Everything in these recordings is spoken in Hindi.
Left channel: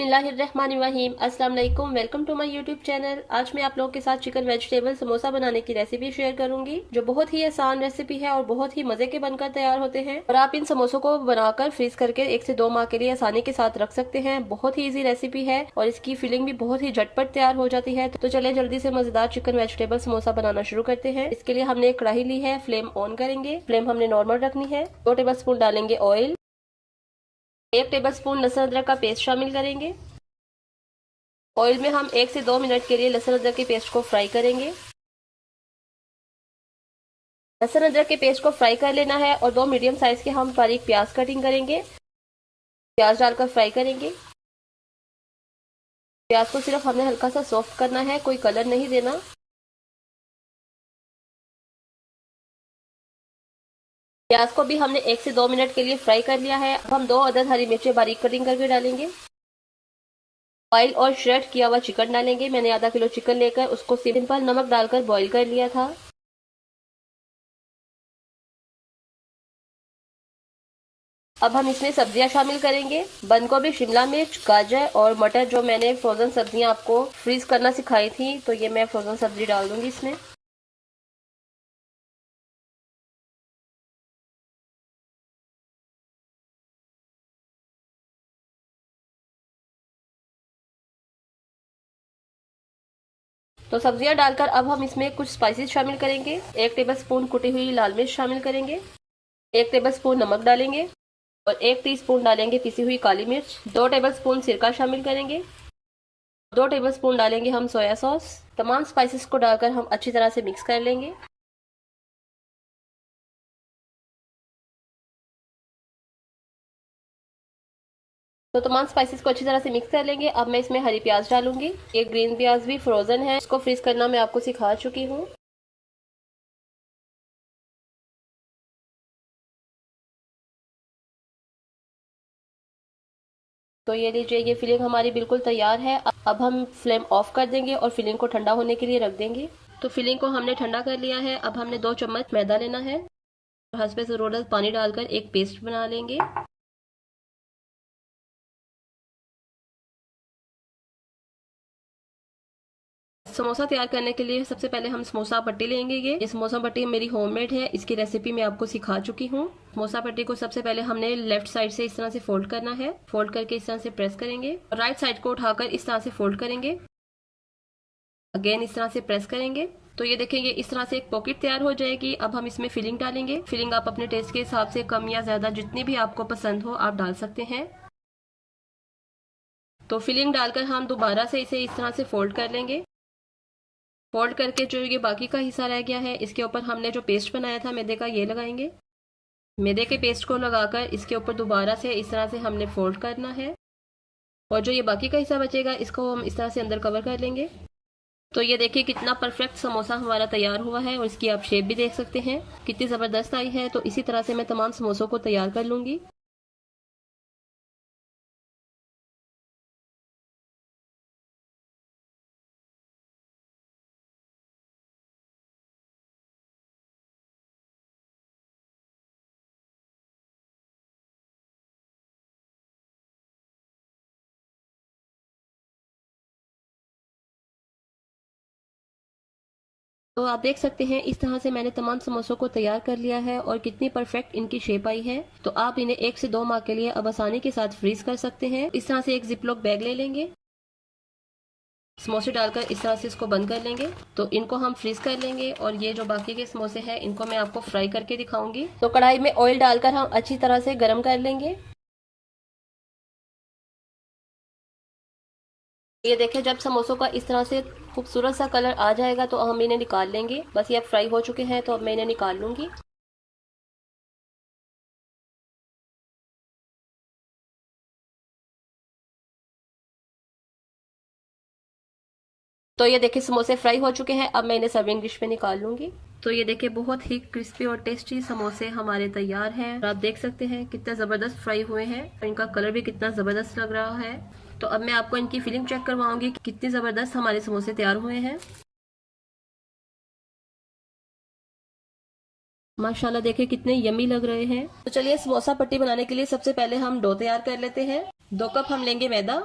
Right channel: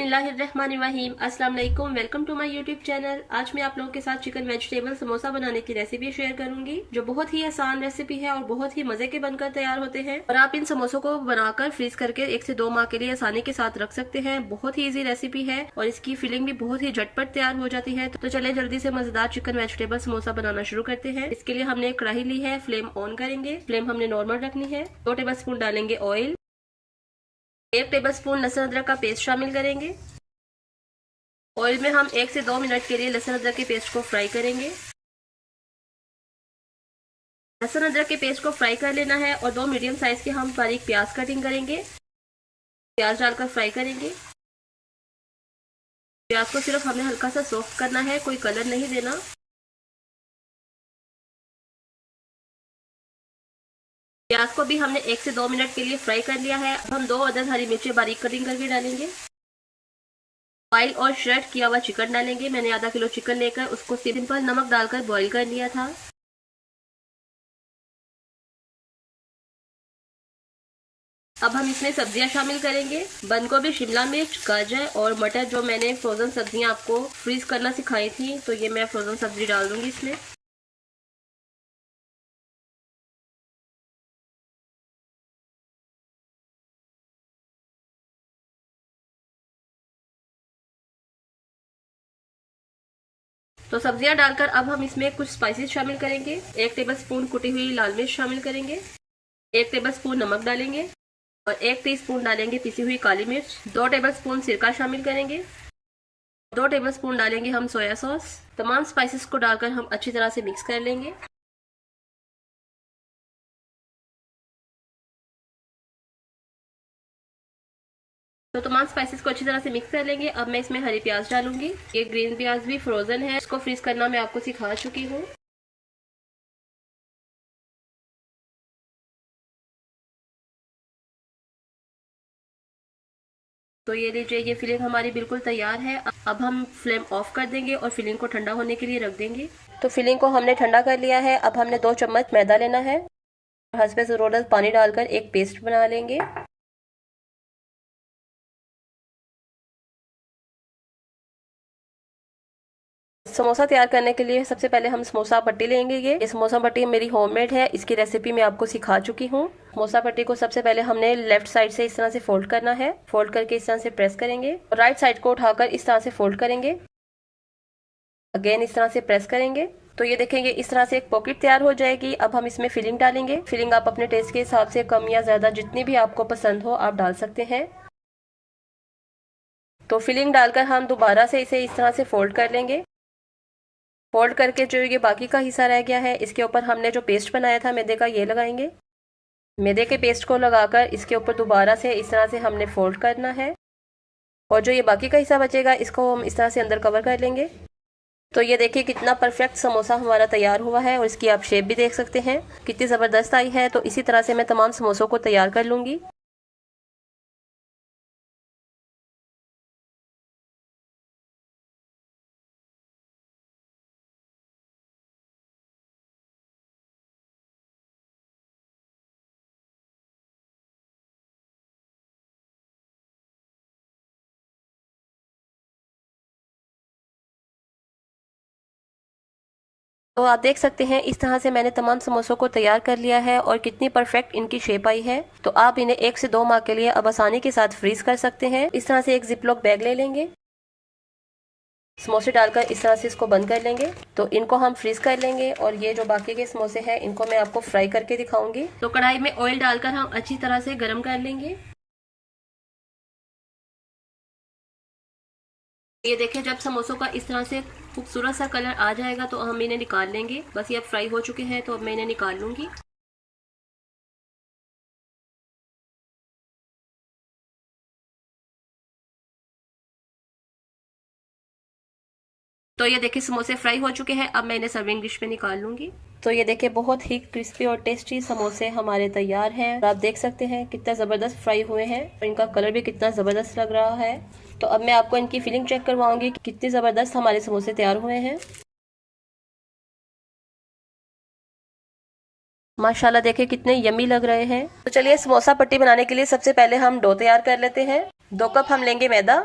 बिस्मिल्लाहिर्रहमानिर्रहीम। अस्सलाम वालेकुम, welcome to my YouTube channel. आज मैं आप लोगों के साथ चिकन वेजिटेबल समोसा बनाने की रेसिपी शेयर करूंगी, जो बहुत ही आसान रेसिपी है और बहुत ही मजे के बनकर तैयार होते हैं। और आप इन समोसों को बनाकर फ्रीज करके 1 से 2 माह के लिए आसानी के साथ रख सकते हैं। बहुत ही इजी रेसिपी है और इसकी फिलिंग भी बहुत ही झटपट तैयार हो जाती है। तो चले जल्दी से मजेदार चिकन वेजिटेबल समोसा बनाना शुरू करते हैं। इसके लिए हमने एक कढ़ाई ली है, फ्लेम ऑन करेंगे। फ्लेम हमने नॉर्मल रखनी है। 2 टेबल स्पून डालेंगे ऑयल। 1 टेबल स्पून लहसुन अदरक का पेस्ट शामिल करेंगे। ऑयल में हम 1 से 2 मिनट के लिए लहसुन अदरक के पेस्ट को फ्राई करेंगे। लहसुन अदरक के पेस्ट को फ्राई कर लेना है और 2 मीडियम साइज के हम बारीक प्याज कटिंग करेंगे। प्याज डालकर फ्राई करेंगे। प्याज को सिर्फ हमने हल्का सा सॉफ्ट करना है, कोई कलर नहीं देना। प्याज को भी हमने 1 से 2 मिनट के लिए फ्राई कर लिया है। अब हम 2 अदद हरी मिर्चें बारीक कटिंग करके डालेंगे। बॉइल और श्रेड किया हुआ चिकन डालेंगे। मैंने आधा किलो चिकन लेकर उसको सिंपल नमक डालकर बॉईल कर लिया था। अब हम इसमें सब्जियां शामिल करेंगे। बंद गोभी, शिमला मिर्च, गाजर और मटर, जो मैंने फ्रोजन सब्जियां आपको फ्रीज करना सिखाई थी, तो ये मैं फ्रोजन सब्जी डाल दूंगी इसमें। तो सब्जियां डालकर अब हम इसमें कुछ स्पाइसेस शामिल करेंगे। 1 टेबल स्पून कुटी हुई लाल मिर्च शामिल करेंगे। 1 टेबल स्पून नमक डालेंगे और 1 टीस्पून डालेंगे पिसी हुई काली मिर्च। 2 टेबल स्पून सिरका शामिल करेंगे। 2 टेबल स्पून डालेंगे हम सोया सॉस। तमाम स्पाइसेस को डालकर हम अच्छी तरह से मिक्स कर लेंगे। तो तमाम स्पाइसेस को अच्छी तरह से मिक्स कर लेंगे। अब मैं इसमें हरी प्याज डालूंगी। ये ग्रीन प्याज भी फ्रोजन है, इसको फ्रीज करना मैं आपको सिखा चुकी हूँ। तो ये लीजिए, ये फिलिंग हमारी बिल्कुल तैयार है। अब हम फ्लेम ऑफ कर देंगे और फिलिंग को ठंडा होने के लिए रख देंगे। तो फिलिंग को हमने ठंडा कर लिया है। अब हमने 2 चम्मच मैदा लेना है। हसबे ज़रूरत पानी डालकर एक पेस्ट बना लेंगे। समोसा तैयार करने के लिए सबसे पहले हम समोसा पट्टी लेंगे। ये समोसा पट्टी मेरी होममेड है, इसकी रेसिपी मैं आपको सिखा चुकी हूँ। समोसा पट्टी को सबसे पहले हमने लेफ्ट साइड से इस तरह से फोल्ड करना है। फोल्ड करके इस तरह से प्रेस करेंगे और राइट साइड को उठाकर इस तरह से फोल्ड करेंगे। अगेन इस तरह से प्रेस करेंगे। तो ये देखेंगे इस तरह से एक पॉकेट तैयार हो जाएगी। अब हम इसमें फिलिंग डालेंगे। फिलिंग आप अपने टेस्ट के हिसाब से कम या ज्यादा जितनी भी आपको पसंद हो आप डाल सकते हैं। तो फिलिंग डालकर हम दोबारा से इसे इस तरह से फोल्ड कर लेंगे। फोल्ड करके जो ये बाकी का हिस्सा रह गया है, इसके ऊपर हमने जो पेस्ट बनाया था मैदे का, ये लगाएंगे। मैदे के पेस्ट को लगाकर इसके ऊपर दोबारा से इस तरह से हमने फोल्ड करना है और जो ये बाकी का हिस्सा बचेगा इसको हम इस तरह से अंदर कवर कर लेंगे। तो ये देखिए कितना परफेक्ट समोसा हमारा तैयार हुआ है और इसकी आप शेप भी देख सकते हैं कितनी ज़बरदस्त आई है। तो इसी तरह से मैं तमाम समोसों को तैयार कर लूँगी। तो आप देख सकते हैं इस तरह से मैंने तमाम समोसों को तैयार कर लिया है और कितनी परफेक्ट इनकी शेप आई है। तो आप इन्हें 1 से 2 माह के लिए अब आसानी के साथ फ्रीज कर सकते हैं। इस तरह से एक जिपलॉक बैग ले लेंगे। समोसे डालकर इस तरह से इसको बंद कर लेंगे। तो इनको हम फ्रीज कर लेंगे और ये जो बाकी के समोसे हैं इनको मैं आपको फ्राई करके दिखाऊंगी। तो कढ़ाई में ऑयल डालकर हम अच्छी तरह से गर्म कर लेंगे। ये देखें, जब समोसों का इस तरह से खूबसूरत सा कलर आ जाएगा तो हम इन्हें निकाल लेंगे। बस ये अब फ्राई हो चुके हैं, तो अब मैं इन्हें निकाल लूंगी। तो ये देखिए समोसे फ्राई हो चुके हैं। अब मैं इन्हें सर्विंग डिश में निकाल लूंगी। तो ये देखिए बहुत ही क्रिस्पी और टेस्टी समोसे हमारे तैयार हैं। आप देख सकते हैं कितना ज़बरदस्त फ्राई हुए हैं। इनका कलर भी कितना ज़बरदस्त लग रहा है। तो अब मैं आपको इनकी फिलिंग चेक करवाऊंगी कि कितने ज़बरदस्त हमारे समोसे तैयार हुए हैं। माशाल्लाह देखिए कितने यमी लग रहे हैं। तो चलिए समोसा पट्टी बनाने के लिए सबसे पहले हम डो तैयार कर लेते हैं। 2 कप हम लेंगे मैदा।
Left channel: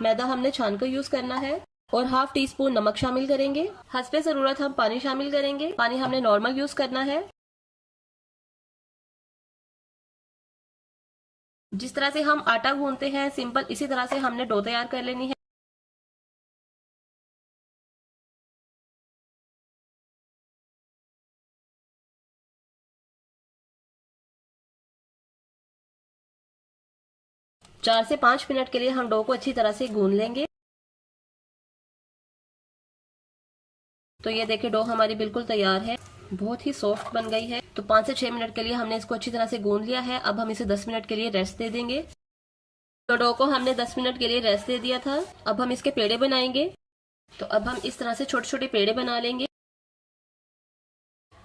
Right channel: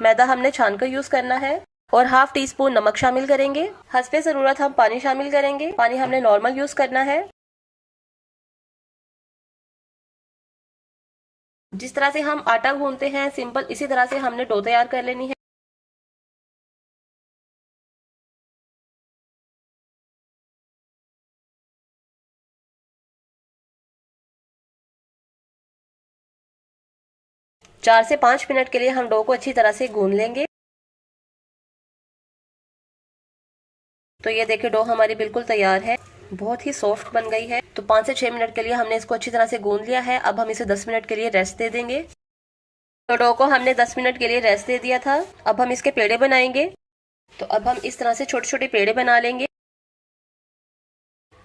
मैदा हमने छान कर यूज करना है और हाफ टी स्पून नमक शामिल करेंगे। हस्बे जरूरत हम पानी शामिल करेंगे। पानी हमने नॉर्मल यूज करना है। जिस तरह से हम आटा गूंथते हैं सिंपल, इसी तरह से हमने डो तैयार कर लेनी है। चार से 5 मिनट के लिए हम डो को अच्छी तरह से गूंथ लेंगे। तो ये देखिए डो हमारी बिल्कुल तैयार है, बहुत ही सॉफ्ट बन गई है। तो 5 से 6 मिनट के लिए हमने इसको अच्छी तरह से गूंथ लिया है। अब हम इसे 10 मिनट के लिए रेस्ट दे देंगे। तो डो को हमने 10 मिनट के लिए रेस्ट दे दिया था। अब हम इसके पेड़े बनाएंगे। तो अब हम इस तरह से छोटे छोटे पेड़े बना लेंगे।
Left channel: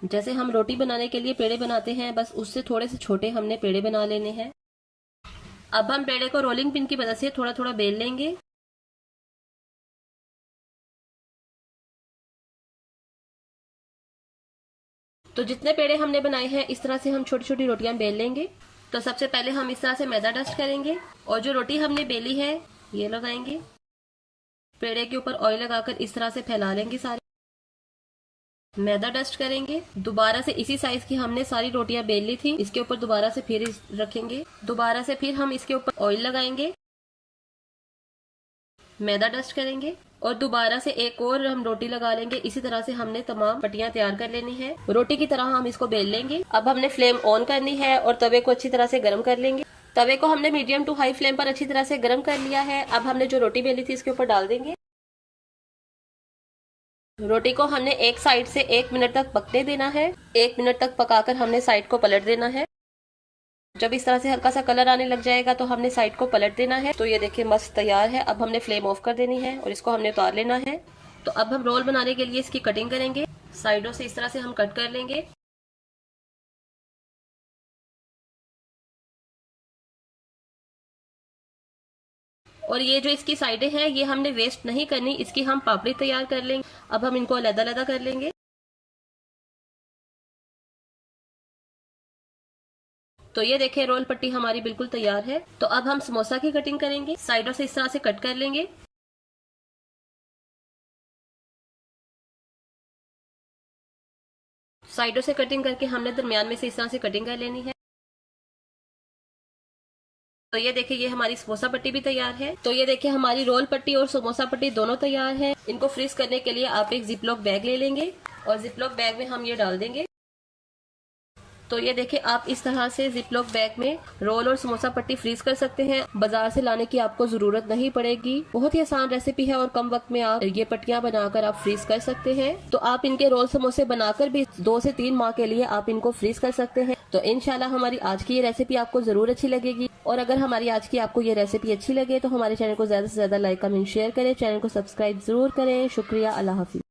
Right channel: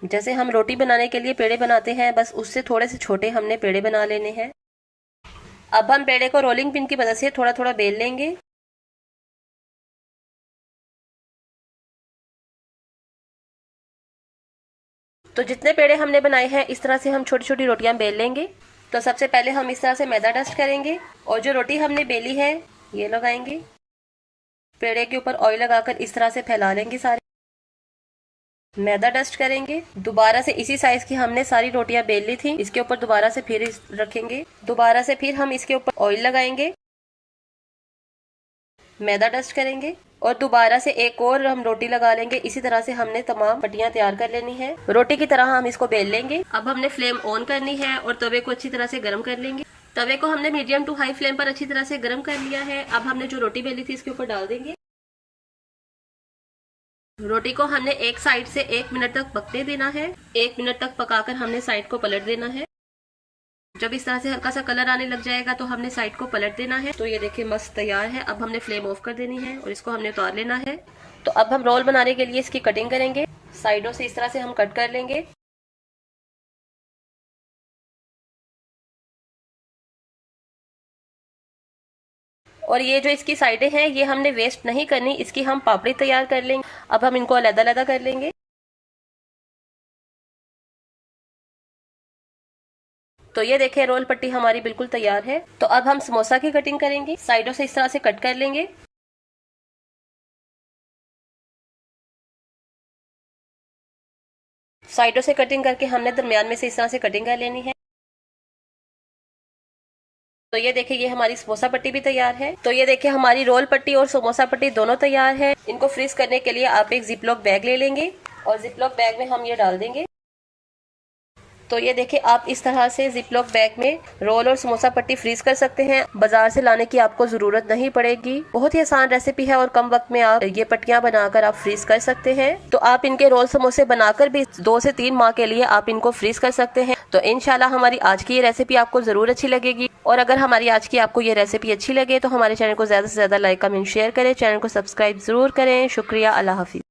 जैसे हम रोटी बनाने के लिए पेड़े बनाते हैं, बस उससे थोड़े से छोटे हमने पेड़े बना लेने हैं। अब हम पेड़े को रोलिंग पिन की मदद से थोड़ा थोड़ा बेल लेंगे। तो जितने पेड़े हमने बनाए हैं इस तरह से हम छोटी छोटी रोटियां बेल लेंगे। तो सबसे पहले हम इस तरह से मैदा डस्ट करेंगे और जो रोटी हमने बेली है ये लगाएंगे। पेड़े के ऊपर ऑयल लगाकर इस तरह से फैला लेंगे सारे। मैदा डस्ट करेंगे। दोबारा से इसी साइज की हमने सारी रोटियां बेल ली थी, इसके ऊपर दोबारा से फिर रखेंगे। दोबारा से फिर हम इसके ऊपर ऑयल लगाएंगे, मैदा डस्ट करेंगे और दोबारा से एक और हम रोटी लगा लेंगे। इसी तरह से हमने तमाम पट्टियां तैयार कर लेनी है। रोटी की तरह हम इसको बेल लेंगे। अब हमने फ्लेम ऑन करनी है और तवे को अच्छी तरह से गर्म कर लेंगे। तवे को हमने मीडियम टू हाई फ्लेम पर अच्छी तरह से गर्म कर लिया है। अब हमने जो रोटी बेली थी इसके ऊपर डाल देंगे। रोटी को हमने एक साइड से 1 मिनट तक पकने देना है। 1 मिनट तक पकाकर हमने साइड को पलट देना है। जब इस तरह से हल्का सा कलर आने लग जाएगा तो हमने साइड को पलट देना है। तो ये देखिए मस्त तैयार है। अब हमने फ्लेम ऑफ कर देनी है और इसको हमने उतार लेना है। तो अब हम रोल बनाने के लिए इसकी कटिंग करेंगे। साइडों से इस तरह से हम कट कर लेंगे। और ये जो इसकी साइडें हैं ये हमने वेस्ट नहीं करनी, इसकी हम पापड़ी तैयार कर लेंगे। अब हम इनको अलग-अलग कर लेंगे। तो ये देखिए रोल पट्टी हमारी बिल्कुल तैयार है। तो अब हम समोसा की कटिंग करेंगे। साइडों से इस तरह से कट कर लेंगे। साइडों से कटिंग करके हमने दरमियान में से इस तरह से कटिंग कर लेनी है। तो ये देखिए ये हमारी समोसा पट्टी भी तैयार है। तो ये देखिए हमारी रोल पट्टी और समोसा पट्टी दोनों तैयार है। इनको फ्रीज करने के लिए आप एक जिपलॉक बैग ले लेंगे और जिपलॉक बैग में हम ये डाल देंगे। तो ये देखिए आप इस तरह से जिपलॉक बैग में रोल और समोसा पट्टी फ्रीज कर सकते हैं। बाजार से लाने की आपको जरूरत नहीं पड़ेगी। बहुत ही आसान रेसिपी है और कम वक्त में आप ये पट्टियां बनाकर आप फ्रीज कर सकते हैं। तो आप इनके रोल समोसे बनाकर भी 2 से 3 माह के लिए आप इनको फ्रीज कर सकते हैं। तो इंशाल्लाह हमारी आज की ये रेसिपी आपको जरूर अच्छी लगेगी। और अगर हमारी आज की आपको ये रेसिपी अच्छी लगे तो हमारे चैनल को ज्यादा से ज्यादा लाइक कमेंट शेयर करें। चैनल को सब्सक्राइब जरूर करें। शुक्रिया। अल्लाह हाफिज।